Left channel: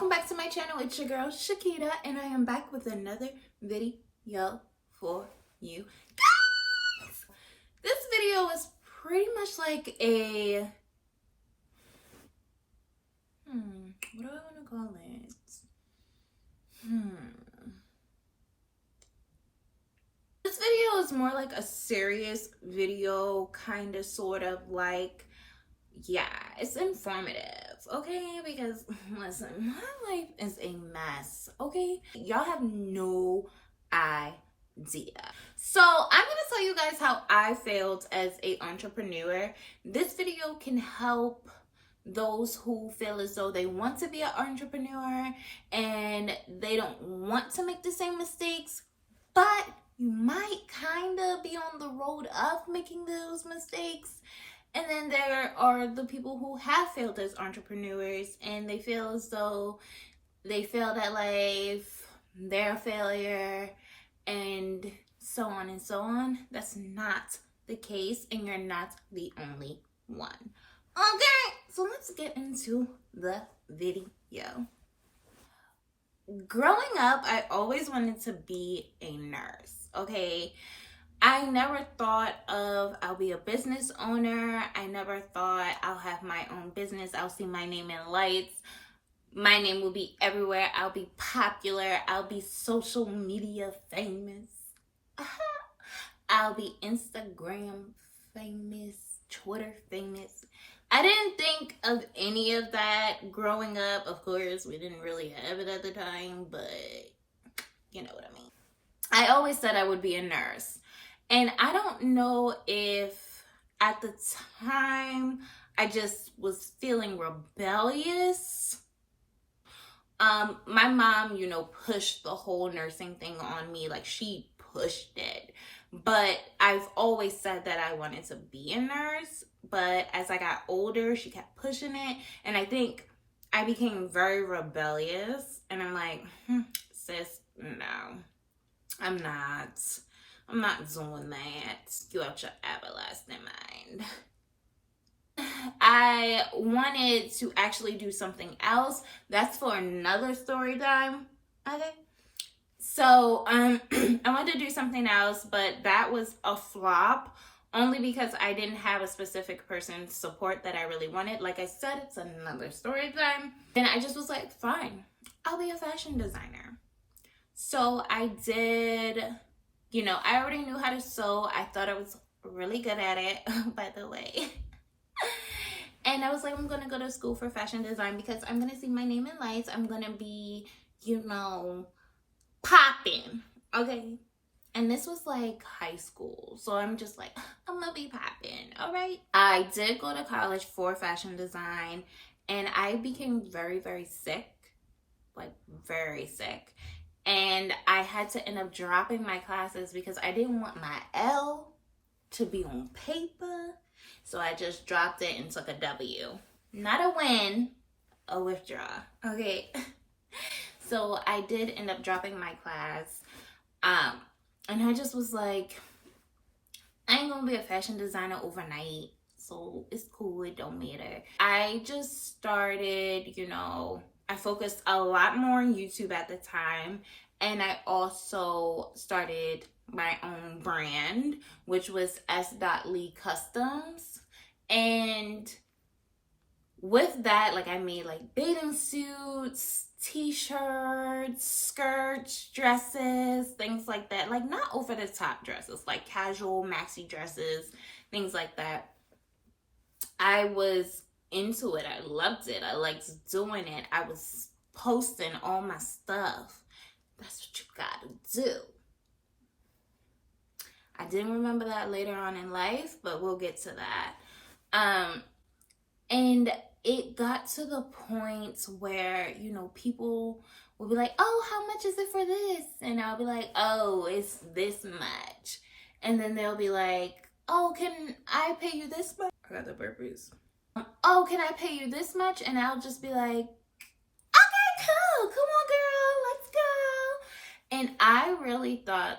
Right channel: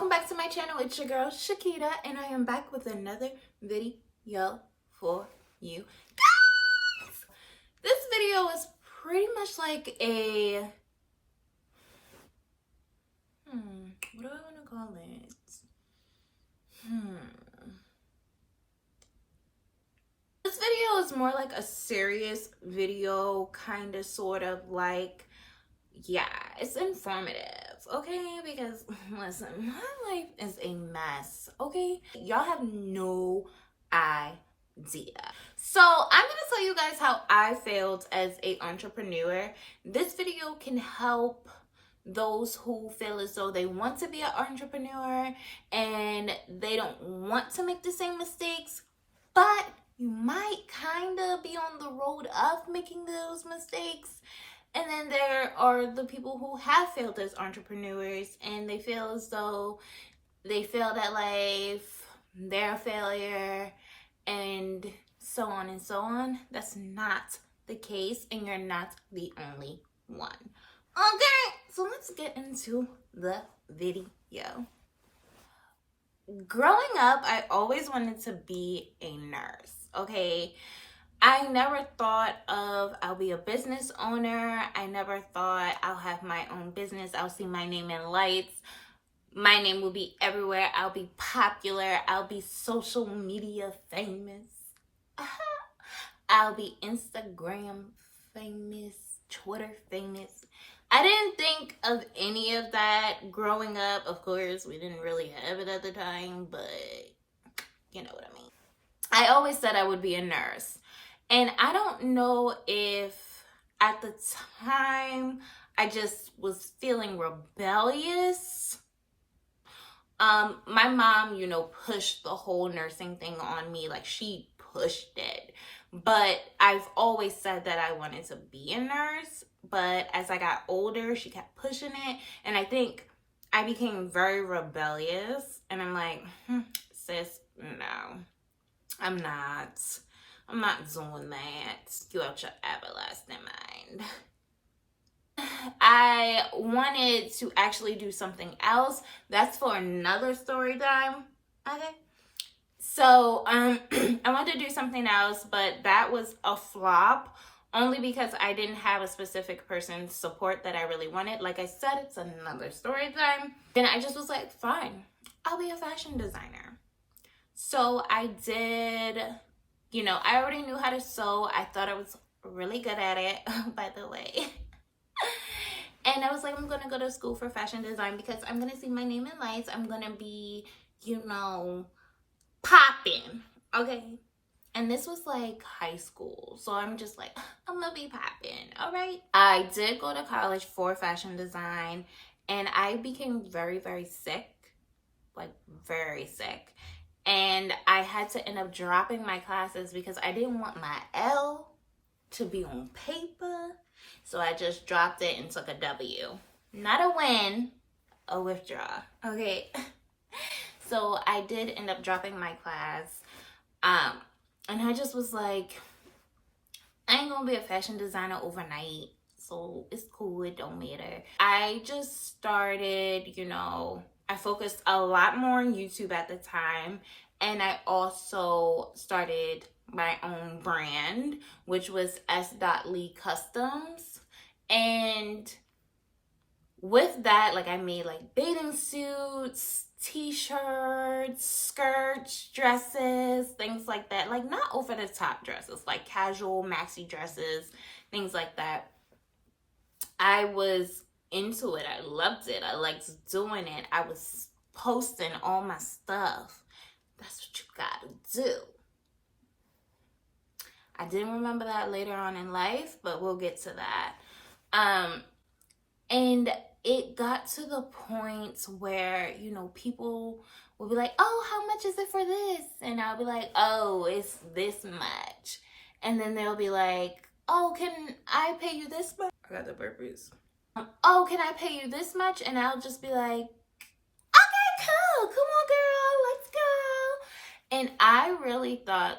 welcome back to my channel. It's your girl Sha'Kida, and I am back with another video for you guys. This video is pretty much like a what do I want to call it? This video is more like a serious video, kind of, sort of like, yeah, it's informative, okay? Because listen, my life is a mess, okay? Y'all have no idea. So I'm gonna tell you guys how I failed as an entrepreneur. This video can help those who feel as though they want to be an entrepreneur and they don't want to make the same mistakes, but you might kind of be on the road of making those mistakes. And then there are the people who have failed as entrepreneurs and they feel as though they failed at life, they're a failure, and so on and so on. That's not the case, and you're not the only one. Okay, so let's get into the video. Growing up, I always wanted to be a nurse, okay? I never thought of I'll be a business owner. I never thought I'll have my own business. I'll see my name in lights. My name will be everywhere. I'll be popular. I'll be social media famous. I'll be Instagram famous, Twitter famous. I didn't think of any of that growing up. Of course, we didn't really have it at the time, but you know what I mean. I always said I would be a nurse. And I don't know if at the time I just was feeling rebellious. My mom, pushed the whole nursing thing on me. Like, she pushed it. But I've always said that I wanted to be a nurse. But as I got older, she kept pushing it. And I think I became very rebellious. And I'm like, sis, no, I'm not doing that. You out your everlasting mind. I wanted to actually do something else. That's for another story time. Okay. So I wanted to do something else, but that was a flop only because I didn't have a specific person's support that I really wanted. Like I said, it's another story time. Then I just was like, fine, I'll be a fashion designer. So I did. I already knew how to sew. I thought I was really good at it, by the way. And I was like, I'm going to go to school for fashion design because I'm going to see my name in lights. I'm going to be, popping. Okay. And this was like high school. So I'm just like, I'm going to be popping. All right. I did go to college for fashion design and I became very, very sick. Like, very sick. And I had to end up dropping my classes because I didn't want my L to be on paper. So I just dropped it and took a W. Not a win, a withdraw. Okay. So I did end up dropping my class. And I just was like, I ain't gonna be a fashion designer overnight. So it's cool, it don't matter. I just started, I focused a lot more on YouTube at the time, and I also started my own brand, which was S.Lee Customs. And with that, I made bathing suits, t-shirts, skirts, dresses, things like that. Not over the top dresses, casual maxi dresses, things like that. I was into it. I loved it. I liked doing it. I was posting all my stuff. That's what you gotta do. I didn't remember that later on in life, but we'll get to that. And it got to the point where, people will be like, oh, how much is it for this? And I'll be like, oh, it's this much. And then they'll be like, oh, can I pay you this much? I got the burpees. Oh, can I pay you this much? And I'll just be like, okay, cool. Come on, girl. Let's go. And I really thought,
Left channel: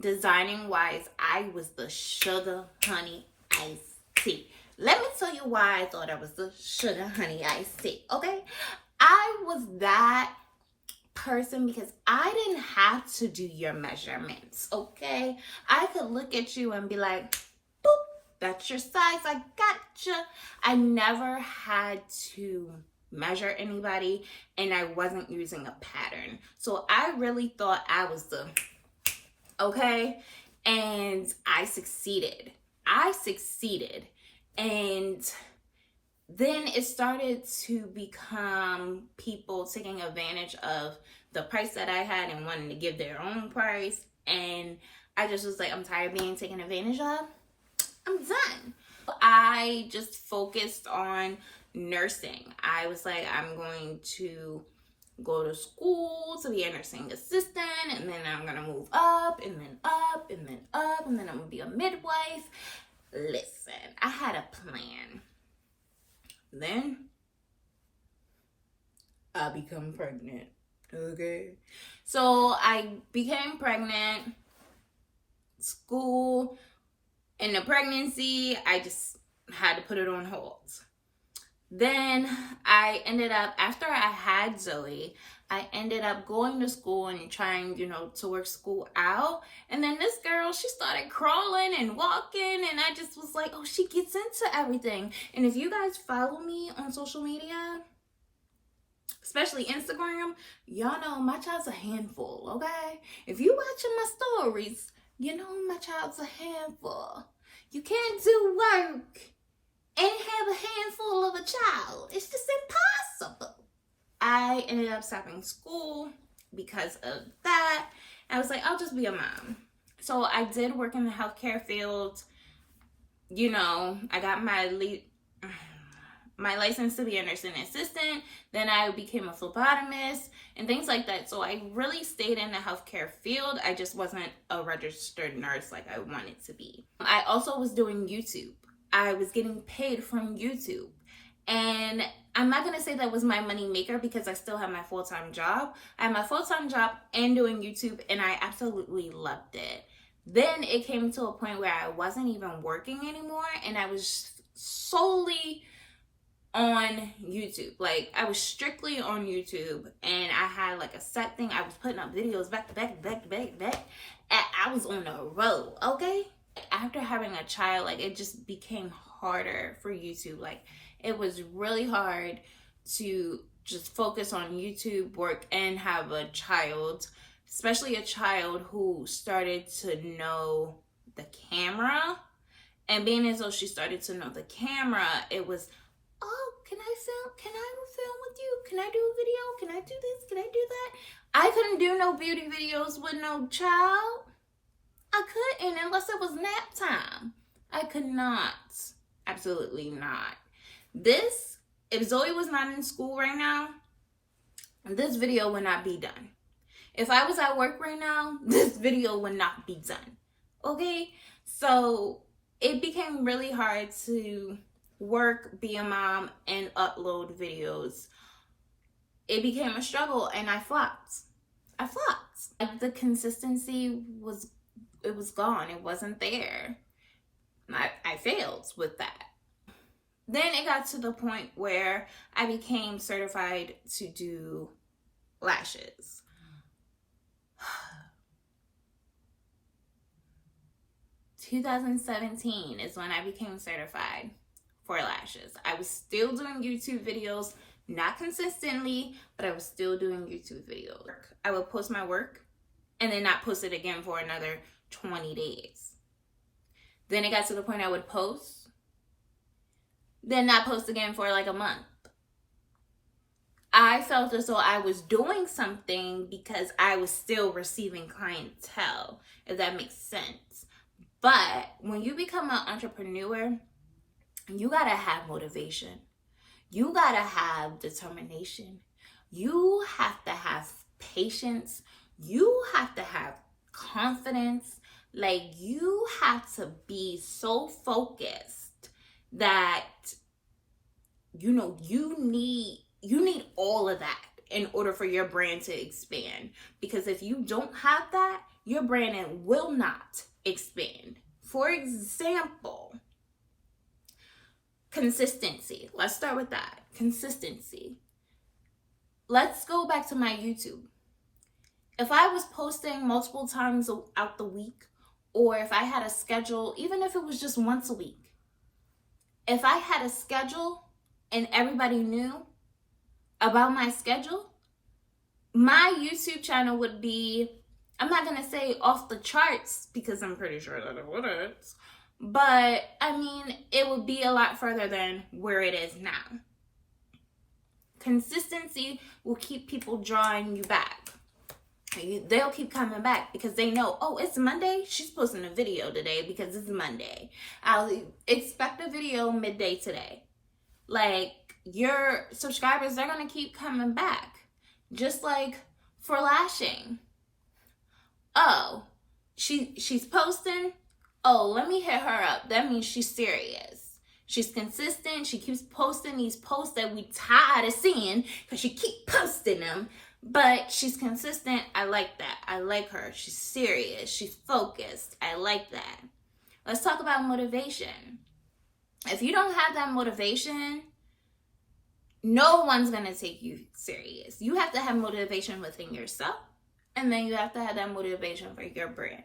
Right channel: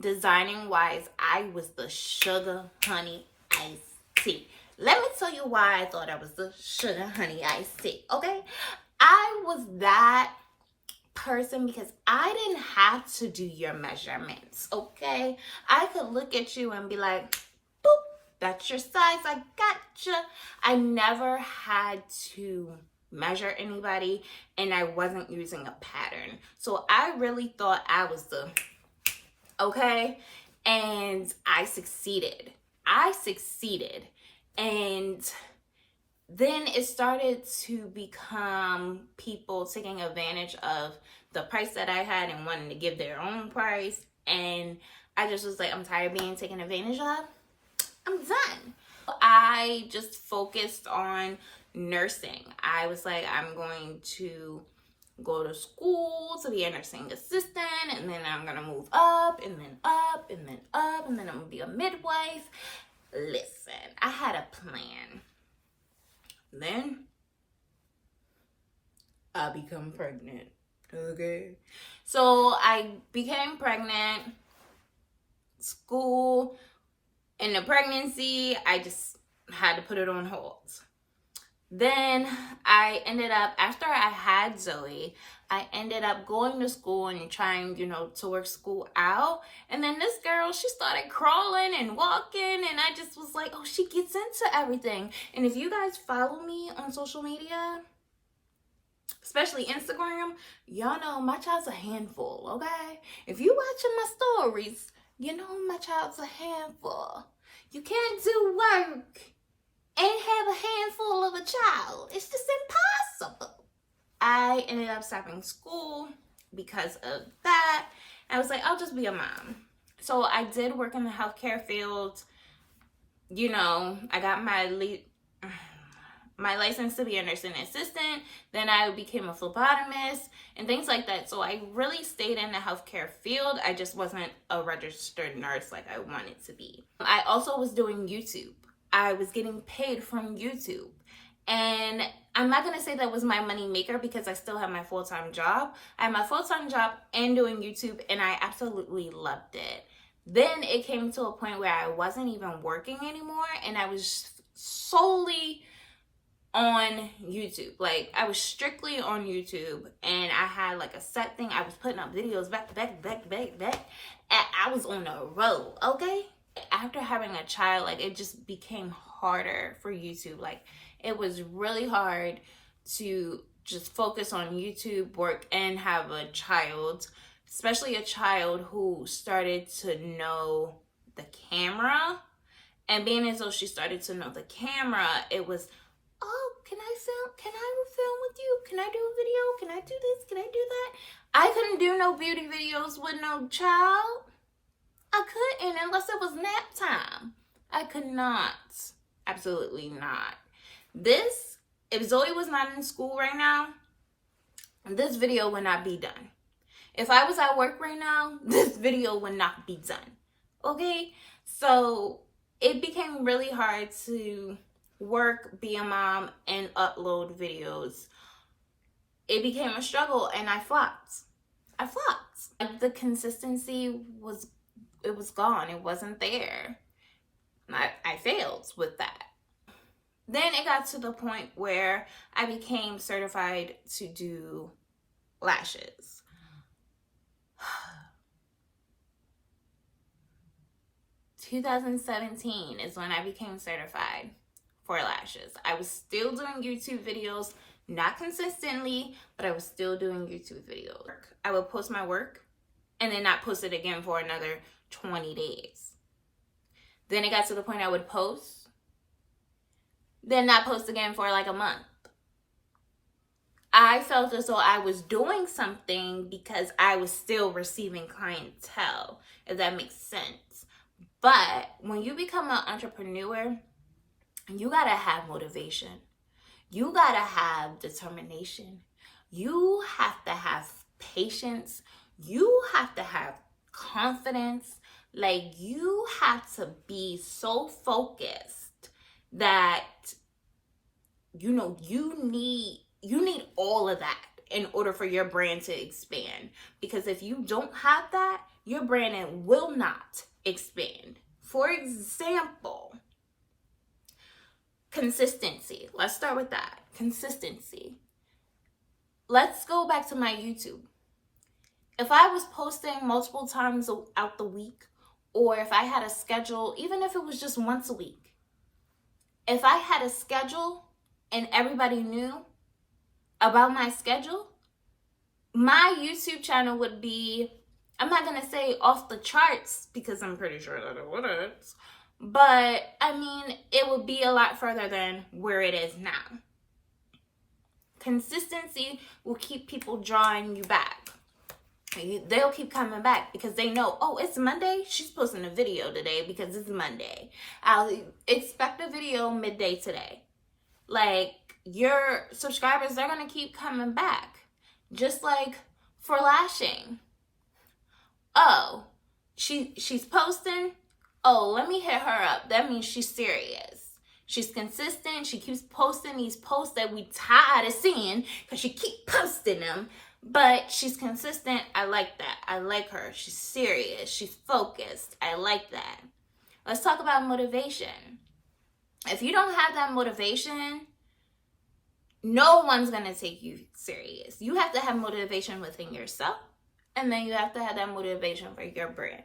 designing wise, I was the sugar honey iced tea. Let me tell you why I thought I was the sugar honey iced tea, okay? I was that person because I didn't have to do your measurements, okay? I could look at you and be like, boop, that's your size, I gotcha. I never had to measure anybody, and I wasn't using a pattern. So I really thought I was the, okay? And I succeeded. And then it started to become people taking advantage of the price that I had and wanting to give their own price. And I just was like, I'm tired of being taken advantage of. I'm done. I just focused on nursing. I was like, I'm going to go to school to be a nursing assistant, and then I'm gonna move up, and then up, and then up, and then I'm gonna be a midwife. Listen, I had a plan. Then I become pregnant. Okay. So I became pregnant. School, in the pregnancy, I just had to put it on hold. Then I ended up, after I had Zoe, I ended up going to school and trying, to work school out. And then this girl, she started crawling and walking, and I just was like, oh, she gets into everything. And if you guys follow me on social media, especially Instagram, y'all know my child's a handful, okay? If you watching my stories, you know my child's a handful. You can't do work and have a handful of a child. It's just impossible. I ended up stopping school because of that. I was like, I'll just be a mom. So I did work in the healthcare field. I got my license to be a nursing assistant. Then I became a phlebotomist and things like that. So I really stayed in the healthcare field. I just wasn't a registered nurse like I wanted to be. I also was doing YouTube. I was getting paid from YouTube. And I'm not going to say that was my money maker because I still have my full-time job. I had my full-time job and doing YouTube, and I absolutely loved it. Then it came to a point where I wasn't even working anymore, and I was solely on YouTube. Like, I was strictly on YouTube, and I had like a set thing. I was putting up videos back to back, and I was on the road, okay? After having a child, like, it just became harder for YouTube. Like, it was really hard to just focus on YouTube work and have a child, especially a child who started to know the camera. And being as though she started to know the camera, it was, oh, can I film? Can I film with you? Can I do a video? Can I do this? Can I do that? I couldn't do no beauty videos with no child. I couldn't unless it was nap time. I could not. Absolutely not. If Zoe was not in school right now, this video would not be done. If I was at work right now, this video would not be done. Okay? So it became really hard to work, be a mom, and upload videos. It became a struggle, and I flopped. The consistency was gone. It wasn't there. I failed with that. Then it got to the point where I became certified to do lashes. 2017 is when I became certified for lashes. I was still doing YouTube videos, not consistently, but I was still doing YouTube videos. I would post my work and then not post it again for another 20 days. Then it got to the point I would post, then not post again for like a month. I felt as though I was doing something because I was still receiving clientele, if that makes sense. But when you become an entrepreneur, you gotta have motivation. You gotta have determination. You have to have patience. You have to have confidence. Like, you have to be so focused that, you need all of that in order for your brand to expand. Because if you don't have that, your brand will not expand. For example, Consistency. Let's start with that. Consistency. Let's go back to my YouTube. If I was posting multiple times out the week, or if I had a schedule, even if it was just once a week, if I had a schedule and everybody knew about my schedule, my YouTube channel would be, I'm not going to say off the charts because I'm pretty sure that it wouldn't, but I mean, it would be a lot further than where it is now. Consistency will keep people drawing you back. They'll keep coming back because they know, oh, it's Monday. She's posting a video today because it's Monday. I'll expect a video midday today. Like, your subscribers, they're going to keep coming back. Just like for lashing. Oh, she's posting. Oh, let me hit her up. That means she's serious. She's consistent. She keeps posting these posts that we tired of seeing because she keep posting them. But she's consistent. I like that. I like her. She's serious. She's focused. I like that. Let's talk about motivation. If you don't have that motivation, no one's going to take you serious. You have to have motivation within yourself. And then you have to have that motivation for your brand.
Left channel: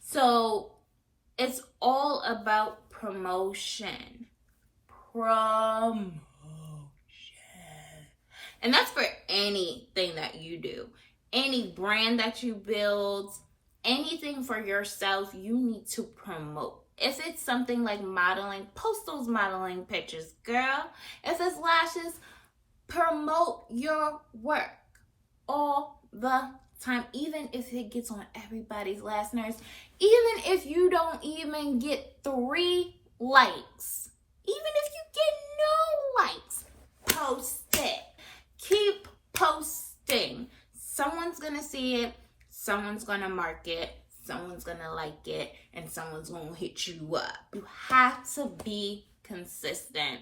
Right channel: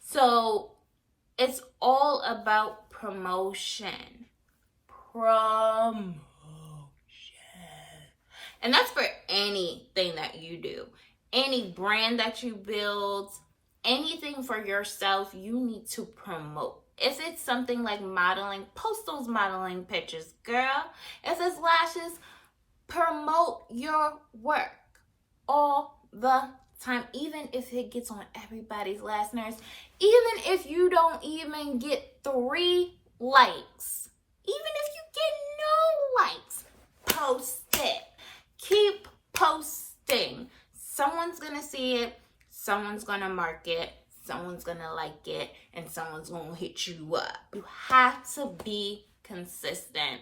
So it's all about promotion. Promotion. And that's for anything that you do. Any brand that you build, anything for yourself, you need to promote. If it's something like modeling, post those modeling pictures, girl. If it's lashes, promote your work all the time. Even if it gets on everybody's last nerves, even if you don't even get 3 likes, even if you get no likes, post it. Keep posting. Someone's going to see it. Someone's going to mark it. Someone's going to like it. And someone's going to hit you up. You have to be consistent.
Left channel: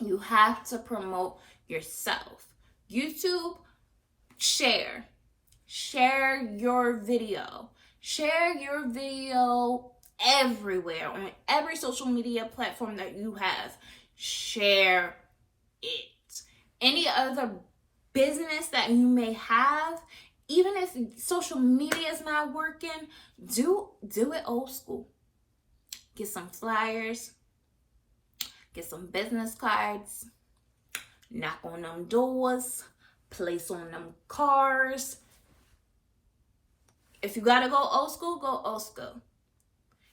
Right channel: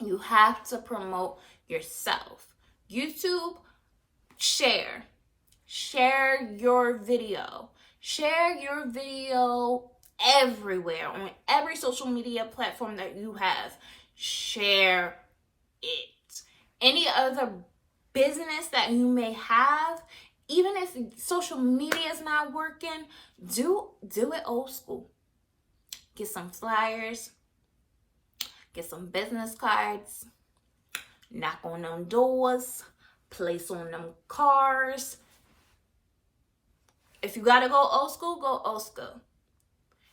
You have to promote yourself. YouTube, share. Share your video. Share your video everywhere. On every social media platform that you have. Share it. Any other business that you may have, even if social media is not working, do it old school. Get some flyers, get some business cards, knock on them doors, place on them cars. If you gotta go old school, go old school.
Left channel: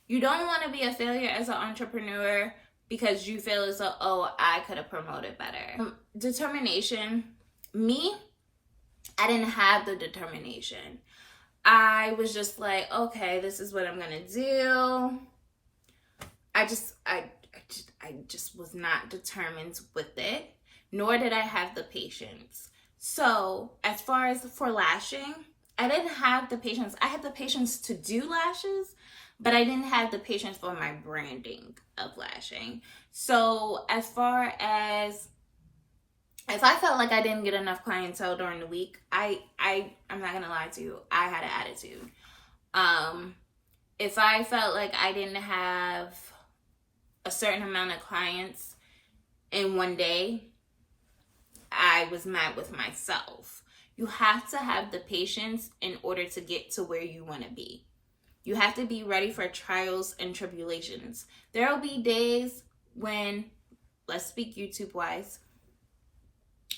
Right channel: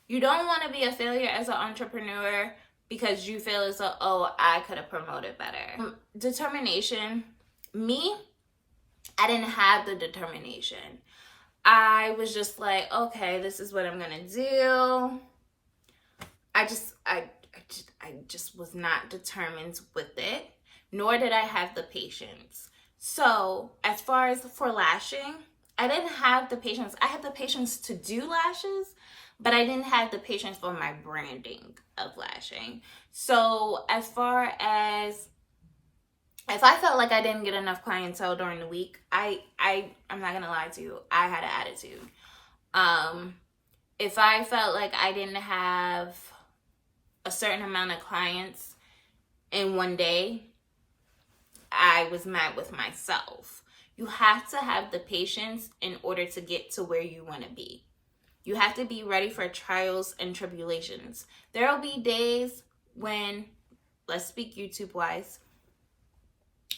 You don't want to be a failure as an entrepreneur because you feel as though, oh, I could have promoted better. Determination. Me, I didn't have the determination. I was just like, okay, this is what I'm going to do. I just was not determined with it, nor did I have the patience. So as far as for lashing, I didn't have the patience. I had the patience to do lashes, but I didn't have the patience for my branding of lashing. So as far as if I felt like I didn't get enough clientele during the week, I'm not gonna lie to you, I had an attitude. If I felt like I didn't have a certain amount of clients in one day, I was mad with myself. You have to have the patience in order to get to where you want to be. You have to be ready for trials and tribulations. There will be days when, let's speak YouTube-wise,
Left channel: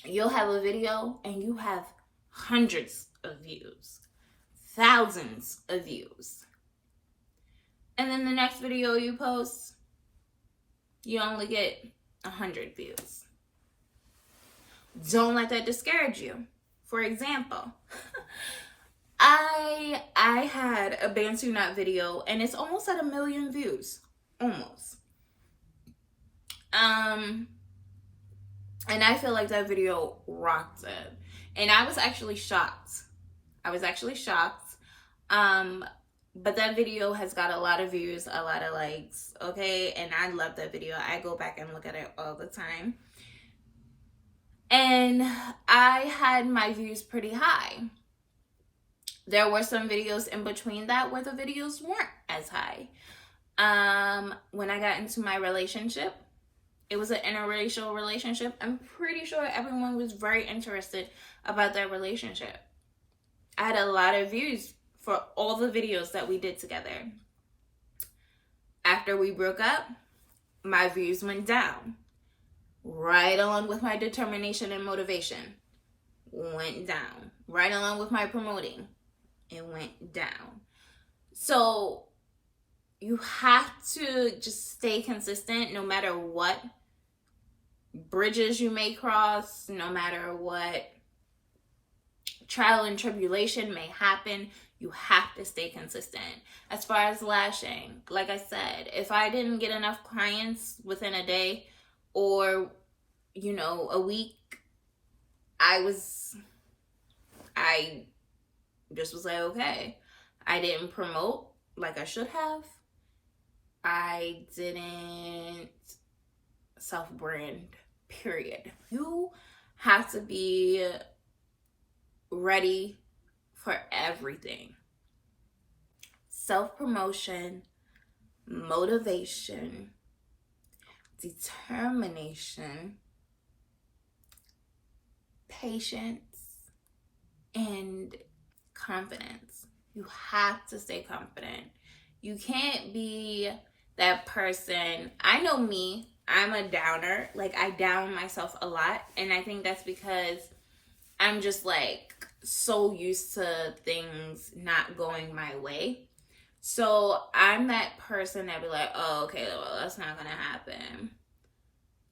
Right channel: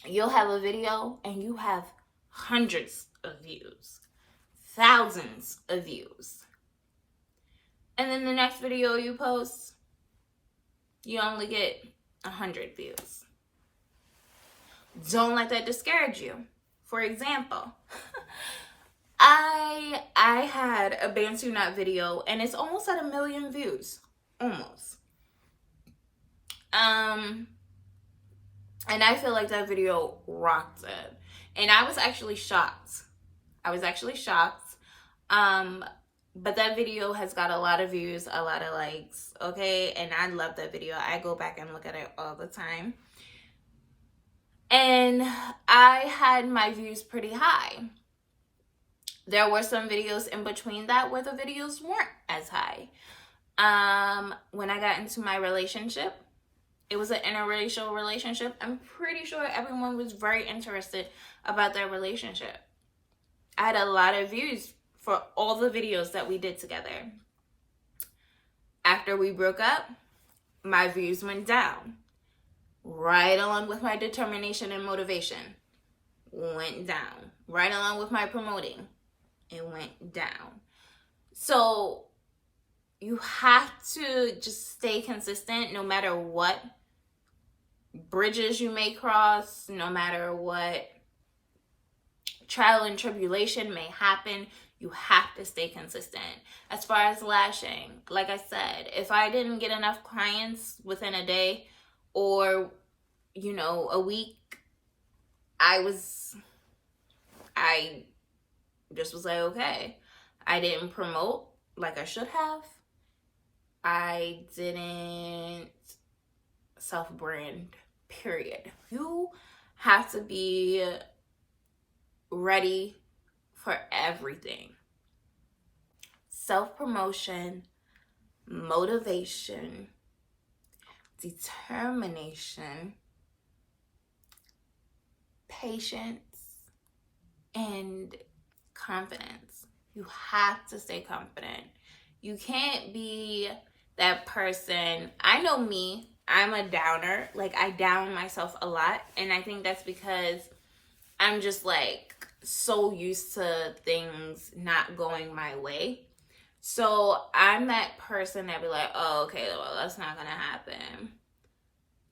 you'll have a video and you have hundreds of views, thousands of views. And then the next video you post, you only get 100 views. Don't let that discourage you. For example, I had a Bantu knot video and it's almost at 1 million views. Almost. And I feel like that video rocked it. And I was actually shocked. But that video has got a lot of views, a lot of likes, okay? And I love that video. I go back and look at it all the time. And I had my views pretty high. There were some videos in between that where the videos weren't as high. When I got into my relationship, It was an interracial relationship. I'm pretty sure everyone was very interested about their relationship. I had a lot of views for all the videos that we did together. After we broke up, my views went down. Right along with my determination and motivation, went down. Right along with my promoting, it went down. So you have to just stay consistent no matter what bridges you may cross, no matter what trial and tribulation may happen. You have to stay consistent. As far as lashing, like I said, if I didn't get enough clients within a day or, you know, a week, I just was like, okay. I didn't promote like I should have. I didn't self-brand, period. You have to be ready for everything. Self-promotion, motivation, determination, patience, and confidence. You have to stay confident. You can't be that person. I know me, I'm a downer. Like, I down myself a lot. And I think that's because I'm just like so used to things not going my way. So I'm that person that be like, oh, okay, well, that's not gonna happen.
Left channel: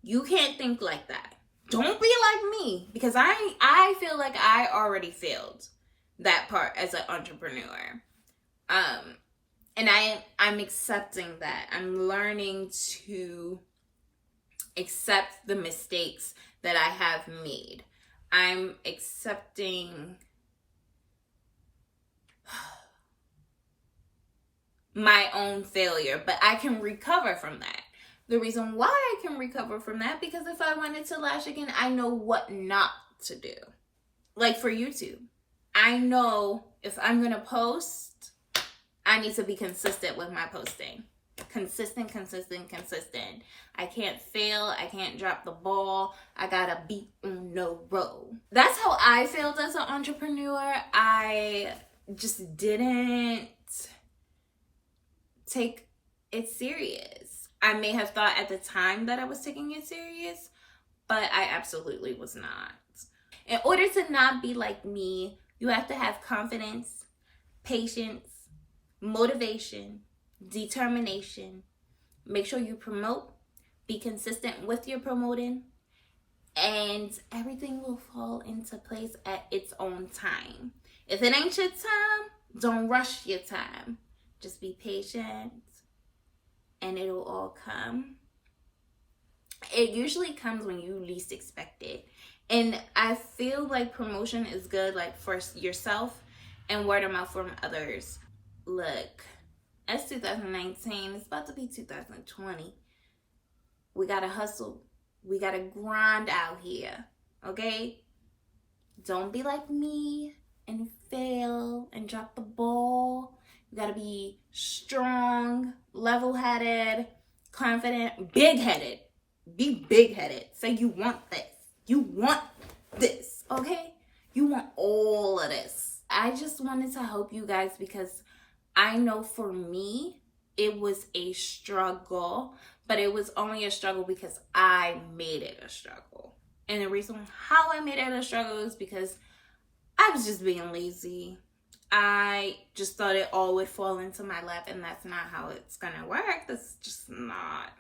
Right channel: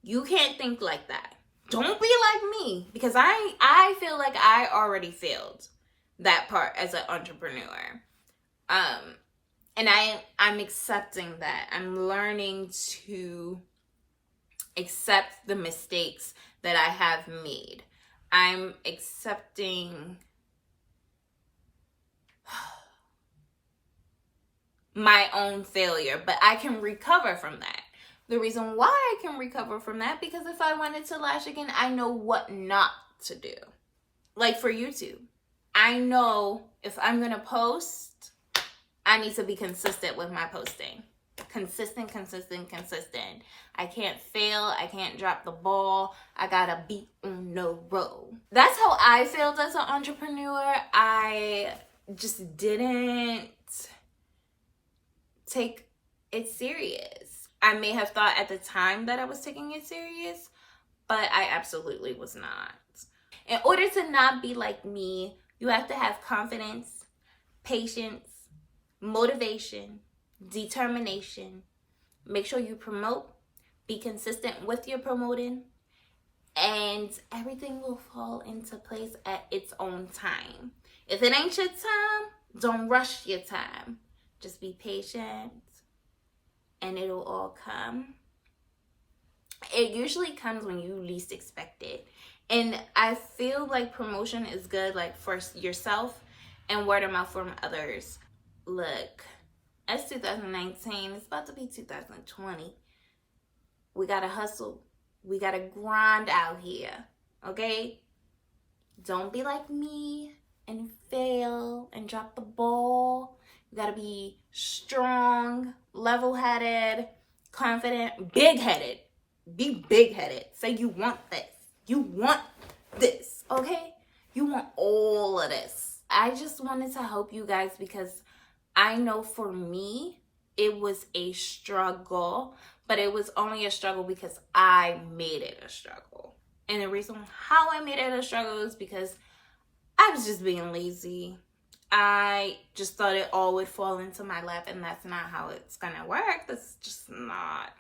You can't think like that. Don't be like me, because I feel like I already failed that part as an entrepreneur. And I'm accepting that. I'm learning to accept the mistakes that I have made. I'm accepting my own failure, but I can recover from that. The reason why I can recover from that, because if I wanted to lash again, I know what not to do. Like for YouTube, I know if I'm going to post, I need to be consistent with my posting. Consistent. I can't fail. I can't drop the ball. I gotta be on the road. That's how I failed as an entrepreneur. I just didn't take it serious. I may have thought at the time that I was taking it serious, but I absolutely was not. In order to not be like me, you have to have confidence, patience, motivation, determination. Make sure you promote, be consistent with your promoting, and everything will fall into place at its own time. If it ain't your time, don't rush your time. Just be patient and it'll all come. It usually comes when you least expect it. And I feel like promotion is good, like for yourself and word of mouth from others. Look, it's 2019. It's about to be 2020. We gotta hustle. We gotta grind out here, okay? Don't be like me and fail and drop the ball. You gotta be strong, level-headed, confident, big-headed. Be big-headed. Say you want this. You want this, okay? You want all of this. I just wanted to help you guys because I know for me, it was a struggle, but it was only a struggle because I made it a struggle. And the reason how I made it a struggle is because I was just being lazy. I just thought it all would fall into my lap, and that's not how it's gonna work. That's just not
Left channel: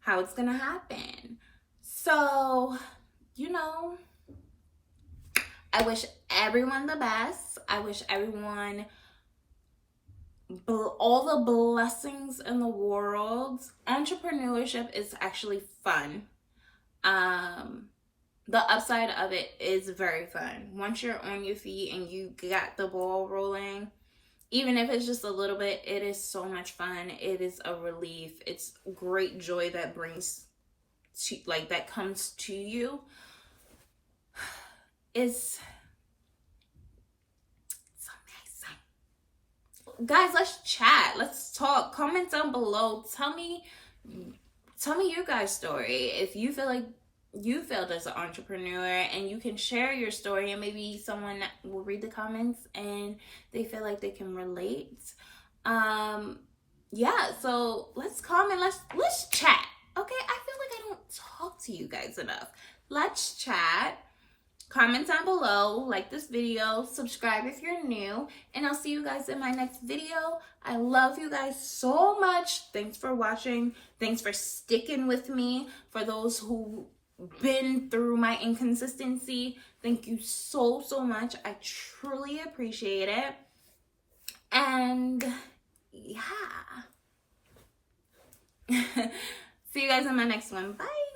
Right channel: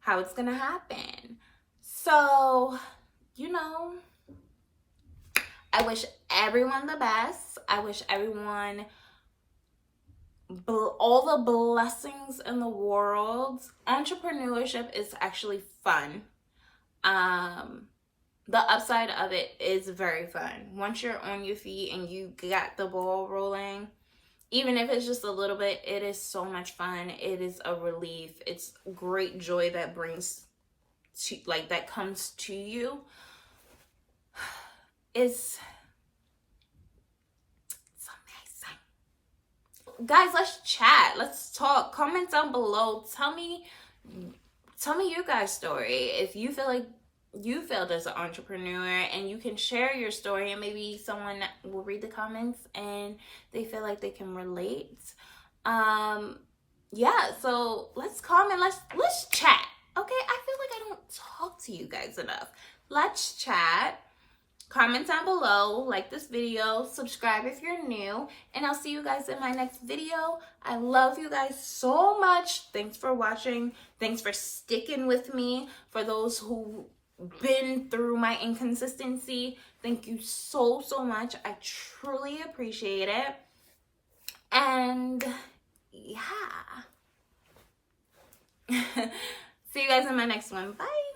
how it's gonna happen. So, you know, I wish everyone the best. I wish everyone all the blessings in the world. Entrepreneurship is actually fun. The upside of it is very fun. Once you're on your feet and you got the ball rolling, even if it's just a little bit, it is so much fun. It is a relief. It's great joy that brings to, like, that comes to you. It's guys, let's chat. Let's talk. Comment down below. Tell me tell me your guys' story. If you feel like you failed as an entrepreneur, and you can share your story, and maybe someone will read the comments and they feel like they can relate. Yeah, so let's comment, let's chat. Okay, I feel like I don't talk to you guys enough. Let's chat. Comment down below, like this video, subscribe if you're new, and I'll see you guys in my next video. I love you guys so much. Thanks for watching. Thanks for sticking with me. For those who been through my inconsistency, thank you so much. I truly appreciate it. And yeah. See you guys in my next one. Bye.